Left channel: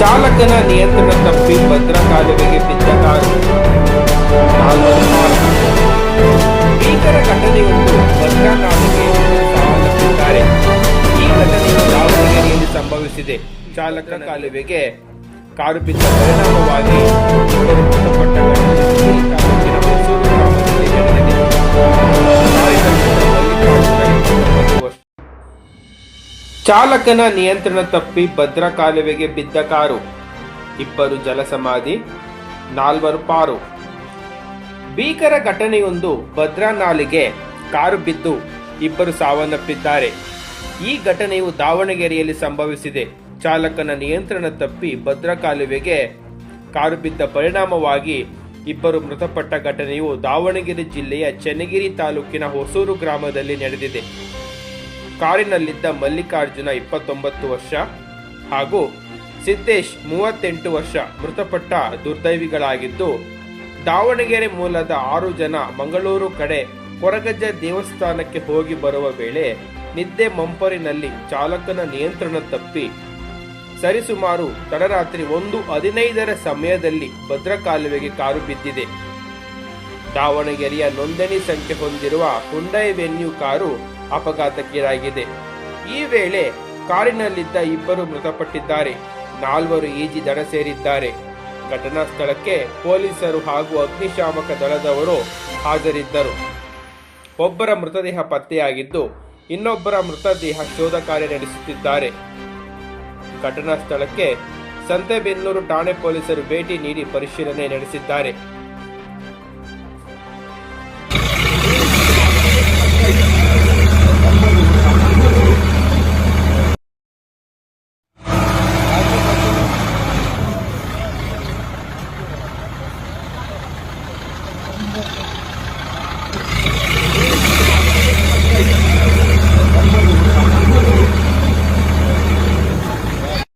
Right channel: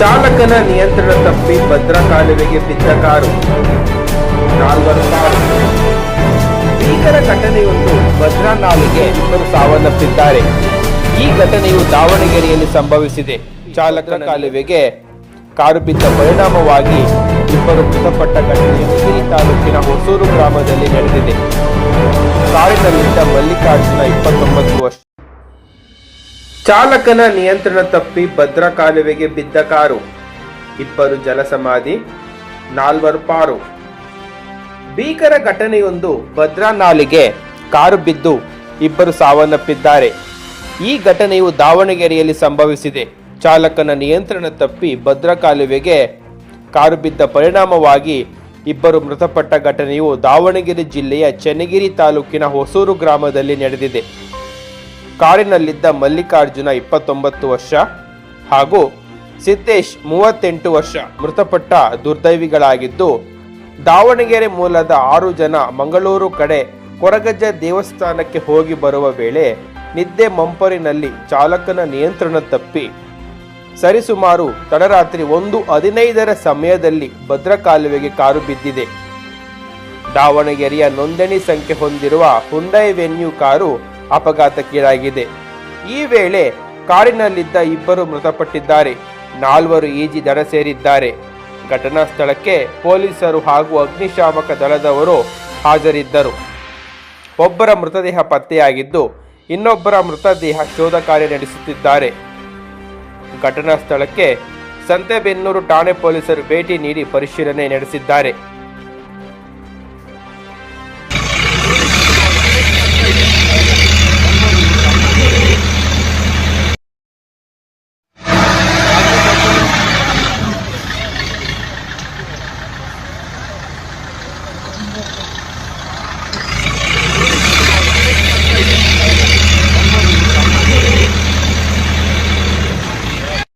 ಚಾಲಕನ ನಿಯಂತ್ರಣ ತಪ್ಪಿ ಭದ್ರಾ ಕಾಲುವೆಗೆ ಬಿದ್ದ ಕಾರು, 4 ಕಾರು. ಭೀಕರ ಘಟನೆಯೊಂದು ಭದ್ರಾ ನಾಲೆಗೆ ಇಬ್ಬರು ಸಾವನ್ನಪ್ಪಿದ್ದಾರೆ. ಈ ಘಟನೆಯು ದಾವಣಗೆರೆಯಲ್ಲಿ ಸಂಭವಿಸಿದೆ. ಚಾಲಕನ ಕಾಲುವೆಗೆ ಕಾರು ಬಿದ್ದ ಪರಿಣಾಮವಾಗಿ ಇಬ್ಬರು ಮೃತಪಟ್ಟ ಘಟನೆ ಚನ್ನಗಿರಿ ತಾಲೂಕಿನ ಹೊಸೂರು ಗ್ರಾಮದಲ್ಲಿ ನಡೆದಿದೆ. ಕಾರಿನಲ್ಲಿದ್ದ ಮಲ್ಲಿಕಾರ್ಜುನ 29 ವರ್ಷ. ಚಾಲಕನ ನಿಯಂತ್ರಣ ತಪ್ಪಿ ಭದ್ರಾ ಕಾಲುವೆಗೆ ಬಿದ್ದ ಕಾರು, ಇಬ್ಬರು ಜಲಸಮಾಧಿ, 4 ಪಾರು. ಭೀಕರ ಘಟನೆಯೊಂದು ಭದ್ರಾ ನಾಲೆಗೆ ಕಾರು ಬಿದ್ದು ಇಬ್ಬರು ಸಾವನ್ನಪ್ಪಿದ್ದಾರೆ. ಈ ಘಟನೆಯು ದಾವಣಗೆರೆಯಲ್ಲಿ ಸಂಭವಿಸಿದೆ. ಚಾಲಕನ ನಿಯಂತ್ರಣ ತಪ್ಪಿ ಭದ್ರಾ ಕಾಲುವೆಗೆ ಕಾರು ಬಿದ್ದ ಪರಿಣಾಮವಾಗಿ ಇಬ್ಬರು ಮೃತಪಟ್ಟ ಘಟನೆಯು ದಾವಣಗೆರೆ ಜಿಲ್ಲೆಯ ಚನ್ನಗಿರಿ ತಾಲೂಕಿನ ಹೊಸೂರು ಗ್ರಾಮದಲ್ಲಿ ನಡೆದಿದೆ. ಕಾರಿನಲ್ಲಿದ್ದ ಮಲ್ಲಿಕಾರ್ಜುನ 29 ವರ್ಷ ಹಾಗೂ ಸಿದ್ದೇಶ್ 38 ವರ್ಷ ಮೃತಪಟ್ಟ ದುರ್ದೈವಿಗಳಾಗಿದ್ದು, ದಾವಣಗೆರೆ ಮೂಲದ 6 ಜನ ಮಂಗಳೂರು ಕಡೆ ಕೊರಗಜ್ಜ ದೇವಸ್ಥಾನಕ್ಕೆ ಹೋಗಿ ಬರುವ ವೇಳೆ ನಿದ್ದೆ ಮಂಪರಿನಲ್ಲಿ ಚಾಲಕನ ನಿಯಂತ್ರಣ ತಪ್ಪಿ ಸರಿಸುಮಾರು ತಡರಾತ್ರಿ 1:15 ಸಮಯದಲ್ಲಿ ಭದ್ರಾ ಕಾಲುವೆಗೆ ಕಾರು ಬಿದ್ದಿದೆ. ದಾವಣಗೆರೆಯ ನೋಂದಣಿ ಸಂಖ್ಯೆ ಹೊಂದಿರುವ ಹುಂಡೈ ವೆನ್ಯೂ ಕಾರು ಅಪಘಾತಕ್ಕೀಡಾಗಿದೆ. ಈ ವೇಳೆ ಕಾರಿನಲ್ಲಿದ್ದ ಇಬ್ಬರು ಮೃತಪಟ್ಟಿದ್ದಾರೆ, 4 ಈಜಿ ದಡ ಸೇರಿದ್ದಾರೆ. ಘಟನಾ ಸ್ಥಳಕ್ಕೆ ಪೊಲೀಸರು ಹಾಗೂ ಅಗ್ನಿಶಾಮಕ ದಳದವರು ಹಾಜರಿದ್ದರು. ಒಬ್ಬರ ಮೃತದೇಹ ಪತ್ತೆಯಾಗಿದ್ದು, ಇನ್ನೊಬ್ಬರ ಮೃತದೇಹ ಶೋಧ ಕಾರ್ಯ ನಡೆಸುತ್ತಿದ್ದಾರೆ. ಘಟನಾ ಸ್ಥಳಕ್ಕೆ ಸಂತೆಬೆನ್ನೂರು ಠಾಣೆ ಪೊಲೀಸರು ಭೇಟಿ ನೀಡಿ ಪರಿಶೀಲನೆ ನಡೆಸಿದ್ದಾರೆ.